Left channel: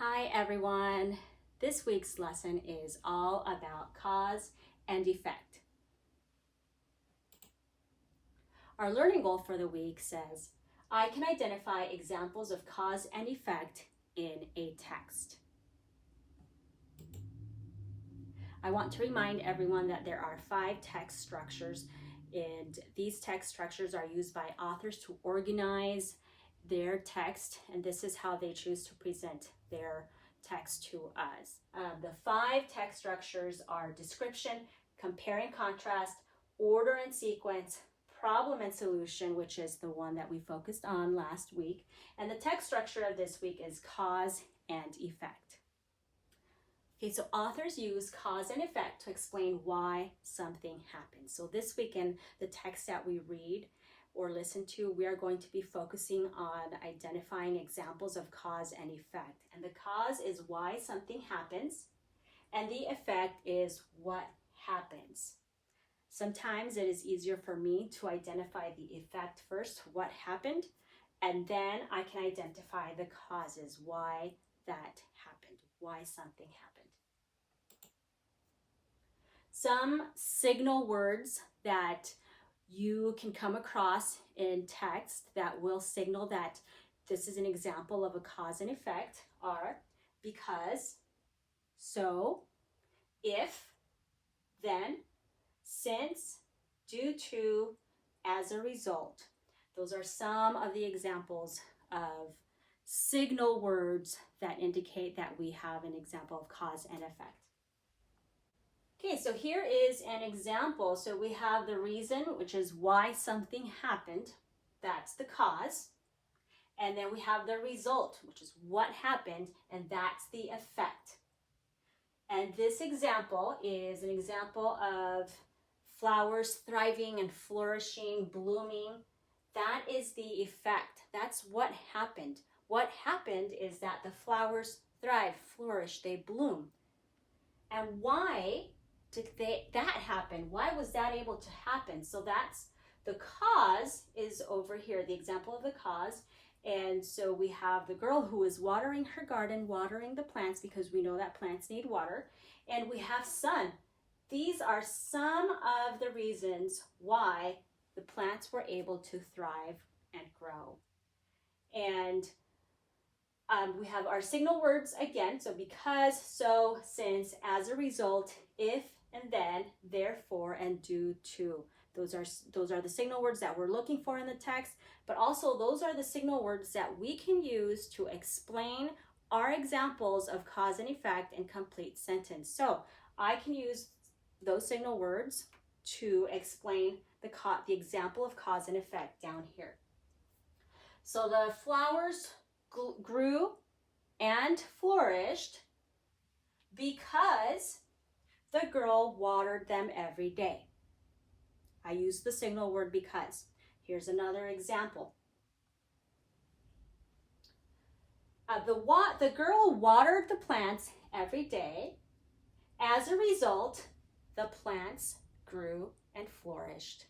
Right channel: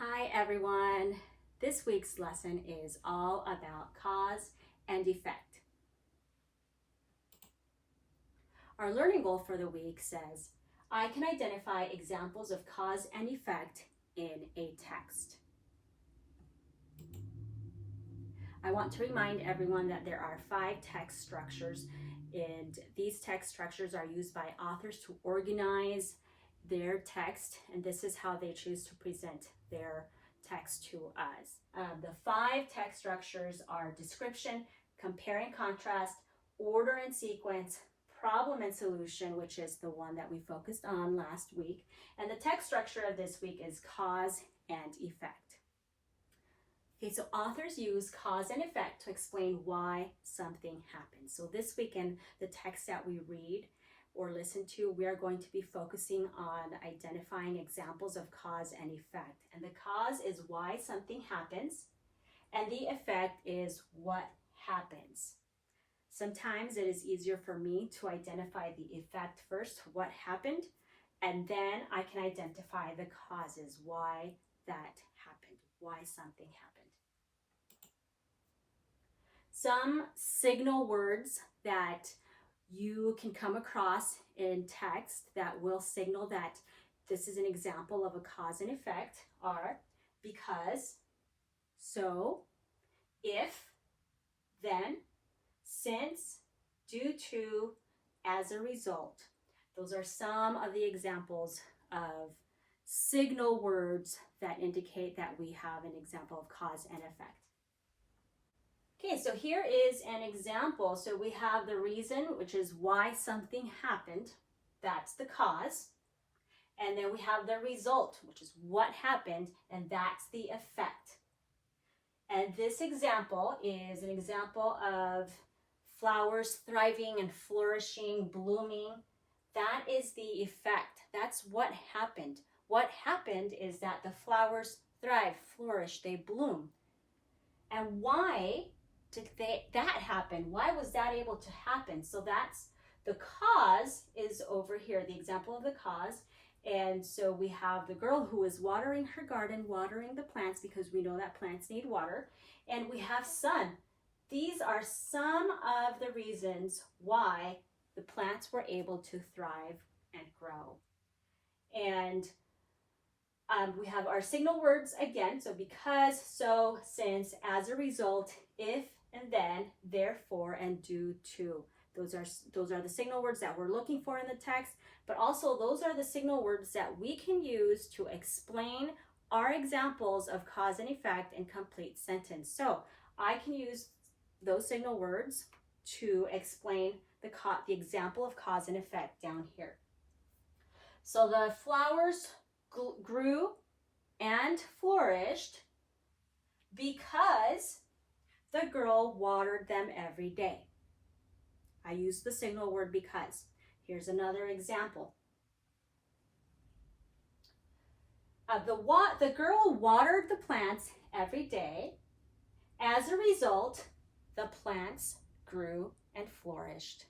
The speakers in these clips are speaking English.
Hi everyone. This week's lesson is all about cause and effect. Our learning goal for the week says, I can identify examples of cause and effect in a text. I want to remind everyone that there are 5 text structures, and these text structures are used by authors to organize their text, and this is how they choose to present their text to us. The 5 text structures are description, compare and contrast, order and sequence, problem and solution, which is the one that we focused on last week, and the text structure of this week is cause and effect. Okay, so authors use cause and effect to explain why something happens. So this week in the text that we read or listen to, we are going to be focusing on identifying examples of cause and effect. And the cause is why something happens, and the effect is what happens. Sometimes it is easier for me to identify the effect first, what happened, and then I can identify the causes, why that happened, why something happened. Some signal words that you can come across in text that will signal that this is an example of a cause and effect are because, so, if, then, since, due to, as a result. Those are some of the examples of signal words that indicate that we have an example of cause and effect. Okay, so here is an example. So we have the reason, which is why something happened. That's the cause. And then we have the result, which is what happened, and that's the effect. And this example is an example of flowers thriving and flourishing, blooming. That is the effect. That's what happened. What happened is that the flowers thrive, flourish, they bloom. And why did that happen? Why was that able to happen? So that's the cause is over here, the example of the cause. And so we have the girl who is watering her garden, watering the plants because we know that plants need water. And we have sun. These are some of the reasons why the plants were able to thrive and grow. And we have our signal words again. So because, so, since, as a result, if, and then, therefore, and due to. Those are the signal words that we're looking for in the text, but also those are the signal words that we can use to explain our examples of cause and effect in complete sentence. So I can use those signal words to explain the example of cause and effect down here. So the flowers grew and flourished because the girl watered them every day. I use the signal word because. Here's another example. The girl watered the plants every day. As a result, the plants grew and flourished.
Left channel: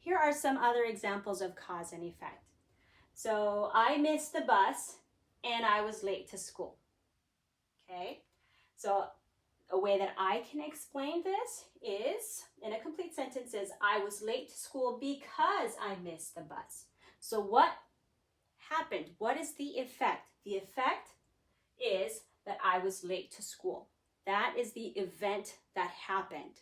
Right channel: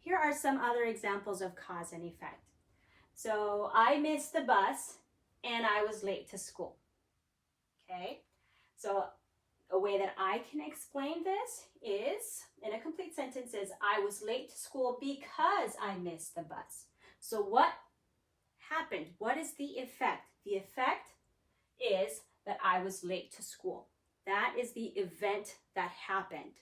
Here are some other examples of cause and effect. So I missed the bus and I was late to school. Okay, so a way that I can explain this is, in a complete sentence, is I was late to school because I missed the bus. So what happened? What is the effect? The effect is that I was late to school. That is the event that happened.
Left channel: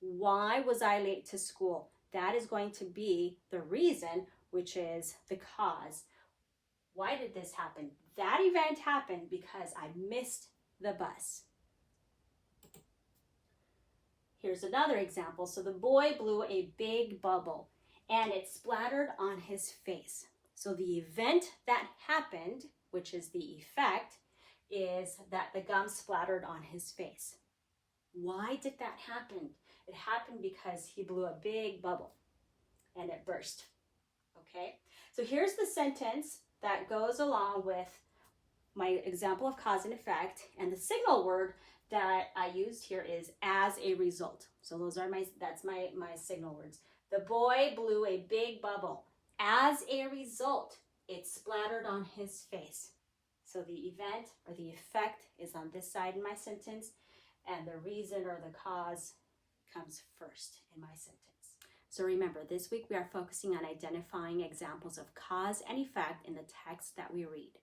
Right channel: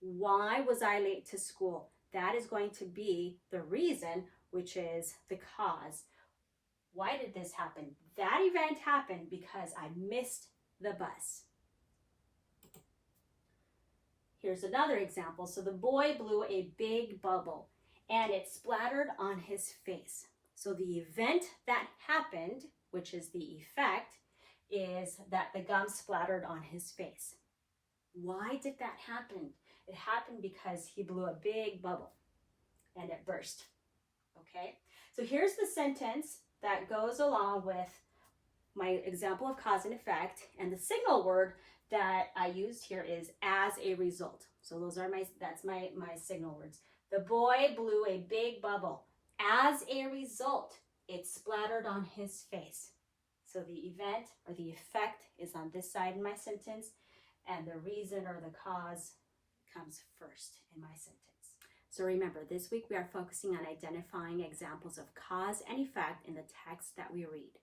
Why was I late to school? That is going to be the reason, which is the cause. Why did this happen? That event happened because I missed the bus. Here's another example. So the boy blew a big bubble and it splattered on his face. So the event that happened, which is the effect, is that the gum splattered on his face. Why did that happen? It happened because he blew a big bubble and it burst. Okay, so here's the sentence that goes along with my example of cause and effect, and the signal word that I used here is as a result. So that's my signal words. The boy blew a big bubble as a result. it splattered on his face. So the event or the effect is on this side in my sentence, and the reason or the cause comes first in my sentence. So remember, this week we are focusing on identifying examples of cause and effect in the text that we read.